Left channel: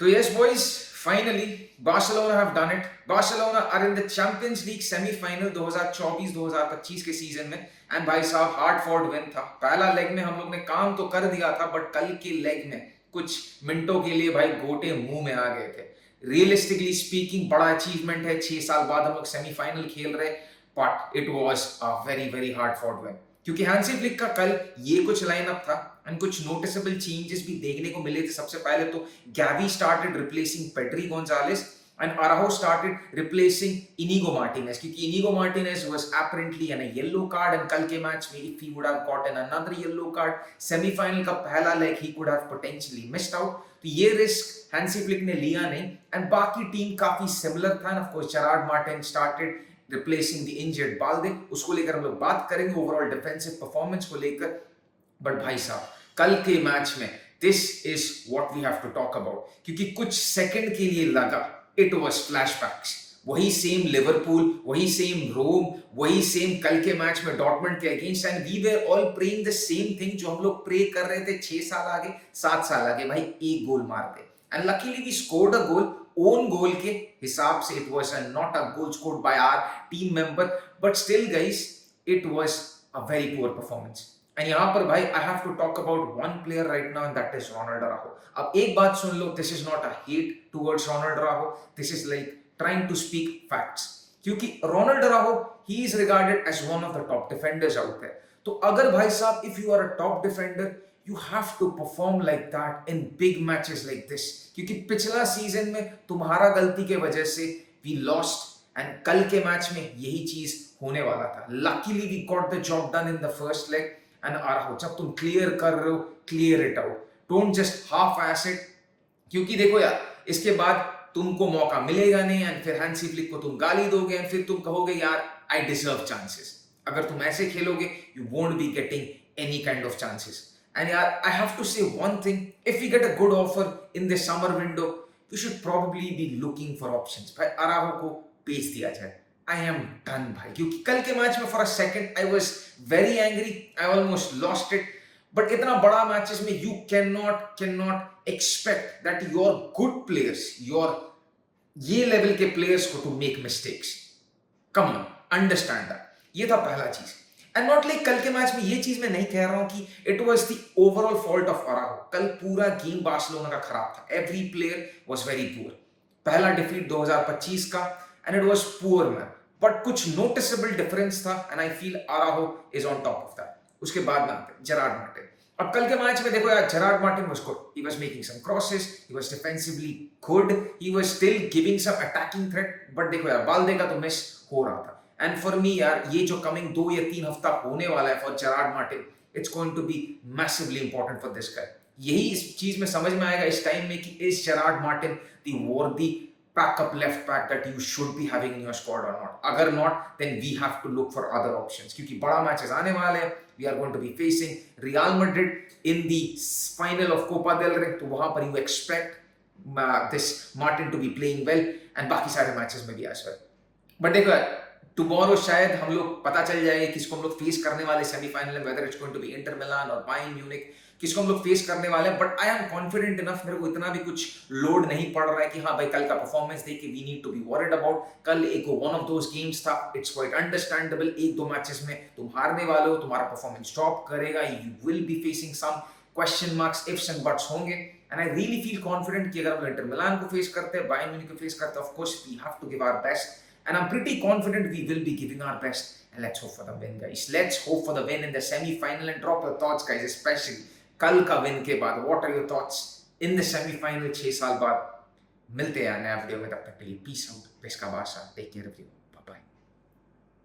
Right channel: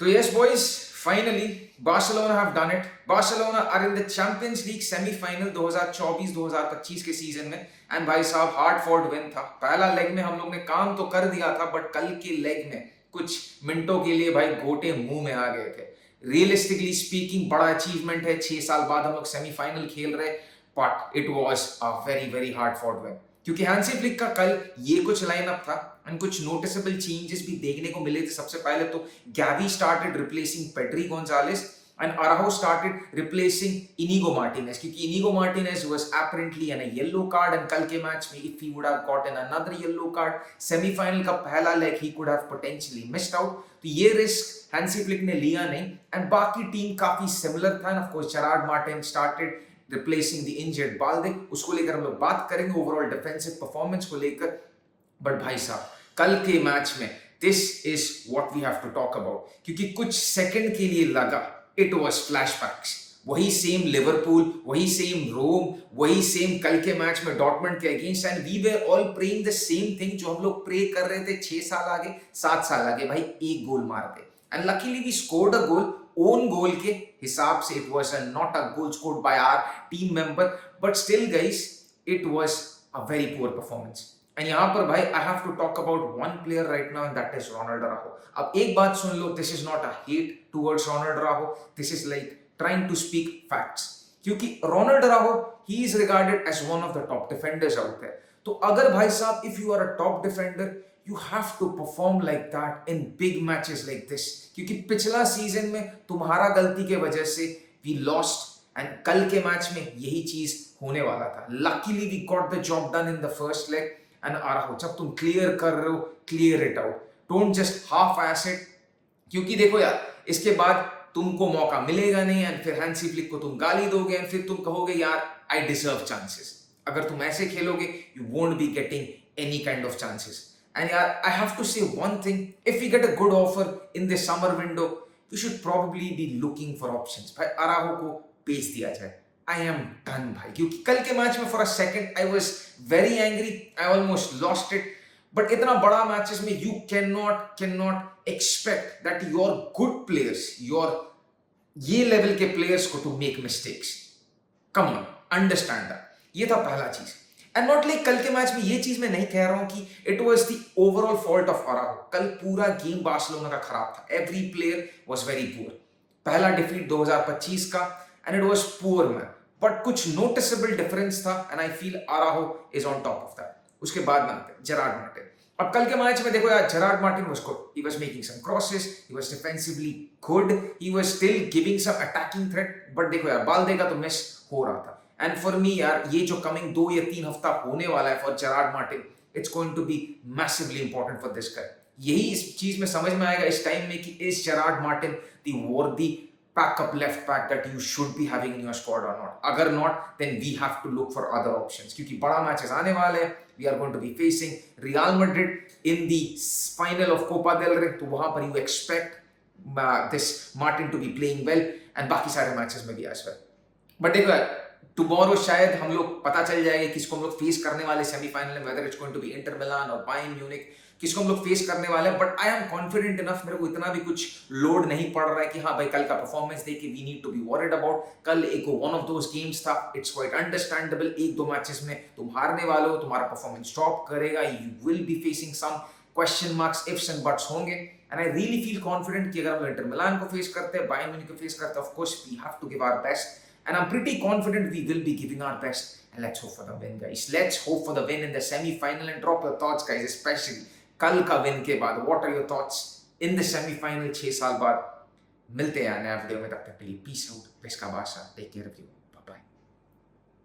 So yes, boys, finally Barcelona have done it. Barcelona are in the Champions League semi-final 2024-2025 के season में and भाई साहब hard fought win था. पहला leg में हम लोग ने काम तो कर दिया था बट कल के लेग में कुछ मिनटों के लिए भाई गोटे मुंह में आ गए थे. रियलिस्टिकली स्पीकिंग बड़ा अचीवमेंट है. 6 साल बाद हम लोग सेमीफाइनल खेल रहे but it was a very very hard fought win क्योंकि हैंसी फ्लिक का कल ये कुछ लाइनअप था एंड कुछ नोटिसेबल चेंजेस भी देखने को मिले थे. सबसे पहले तो Gavi started replacing Pedri Gonzalez and Araujo started replacing Inigo Martinez क्योंकि Inigo Martinez was apparently in a yellow card and कल के मैच में if he would have gotten another yellow card semi-final का पहला leg he could have potentially missed out. तो ये risk Hansi flick ने लिया नहीं एंड बाकी टीम काफी सिमिलर था. And of course Gerard Martin started replacing the injured Balde. उसको लेकर हम लोग बात करेंगे ओवरऑल डिफेंसिव परफॉर्मेंस को लेकर. बट भाई साहब कल के मैच में this is what we have to talk about क्योंकि कुछ सेकंड के लिए लगा इट वाज फ्लैशबैक्स. वही सेम लिवरपूल, वही सेम रोम, वही सेम कल के मैच में डॉर्टमंड के against and we were all praying the same thing जो हम लोग प्रे कर रहे थे 6 साल आगे 7 साल आगे. भाई एक गोल मार दे and luckily we scored a goal. Own goal के हिसाब से it was not a goal scored by our team member but still guys it was a very poor performance. And यहाँ पर भाई I have to talk about one player right now and that is Ronaldo Araujo. अब एक बात सुन लो, this is not a hate towards Ronaldo Araujo, this is like trying to speak facts क्योंकि Ronaldo Araujo he is regarded as one of the top defenders out there. तो अगर भाई साहब if you are a top defender you have to perform like that in big matches like this क्योंकि पिछला season में तुम्हारा गलती के वजह से we lost एंड कल के मैच में यही चीज होने वाला था. Luckily we got the job done in the first leg and Araujo जब तुम क्लियर कर रहे हो clear it out, don't just half ass it क्योंकि देखो यार इसके बाद तुमको मौका मिलेगा नहीं एंड फिर हैंसी फ्लिक को तुम गाली दोगे एंड फिर तुम कहोगे यार आई डिजर्व चांसेस. अगर तुम ऐसे खेलोगे you won't be getting any kind of chances. And yeah, I have to say one thing. If we get a good offer in this summer window, we should probably be looking for options. भाई अराउjo को बेच दिया जाए. I am done भाई क्योंकि कल के match में for a second I was very angry. I almost lost it. But इतना बड़ा मैचेस में you cannot expect that your good players, your ये लेवल के प्लेयर्स को to make mistakes. Come on, understand that. ये था पहला चीज. एंड नॉट लाइक कल के मैच में ये चीज मैं नहीं कह रहा हूं कि it was the overall fault of Araujo. कल पूरा गेम बार्सिलोना का खराब था. Every player was very poor. पहला डिफीट 2025 का and it was poor man but कुछ नोटिसेबल डिफरेंस था and I feel Araujo is on top of that. उसके बाद में आते जेरार्ड मार्टिन. अब कल के मैच में देखो यार Gerard Martin was good. He was making some crosses, he was defensively good, he was still giving some attacking threat but देखो यार बाल्दे का तो मिस हो रहा था. एंड फॉर मी यार ये जो कमिंग 2 या 3 हफ्ता होने वाला है for Gerard Martin it's going to be massively important for this guy. यही इस चीज में समझ में आएगा इस टाइम में कि is Gerard Martin the worthy backup left back that you should be having in your squad और नॉट. अगर not then we have to look for other options क्योंकि बड़ा मैचेस आने वाले हैं. We are going to be facing Real Madrid in the final of Copa del Rey. तो वहां पर you expect this Martin to be playing well and बाकी सारे मैचेस में भी एज वेल. बट देखो टुमारो शायद हम लोग पता चल जाएगा किसको हम लोग फेस करने वाले सेमीफाइनल में, whether it's going to be Inter Milan और बायर्न म्यूनिख, किसको हम लोग फेस करने वाले हैं. But I am confident enough, मेरे को इतना भी कुछ लोड नहीं पड़ रहा है कि हाँ भाई कल का परफॉर्मेंस देख के we need to be worried about. कल एक वन ऑफ दोस गेम्स था, इट्स क्वाइट अंडरस्टैंडेबल. 1-2 मैचेस में तुम हारने वाले हो, तुम्हारा परफॉर्मेंस ड्रॉप करेगा, you will be facing some question marks, ifs and buts होंगे. And I really feel confident कि अगर हम इंटर मिलान को फेस करते हैं, बायर्न म्यूनिख को फेस करते हैं, of course we have to give our best. And I'm pretty confident we will be giving our best. And let's hope for the win, guys. Let's hope for the win in the semi-final and drop your thoughts, guys. Especially कल का win के बाद. What are your thoughts in the semi-final 6 साल बाद? मिलते हैं नया video में. तब तक के लिए peace out. Peska Basha. Take care of you.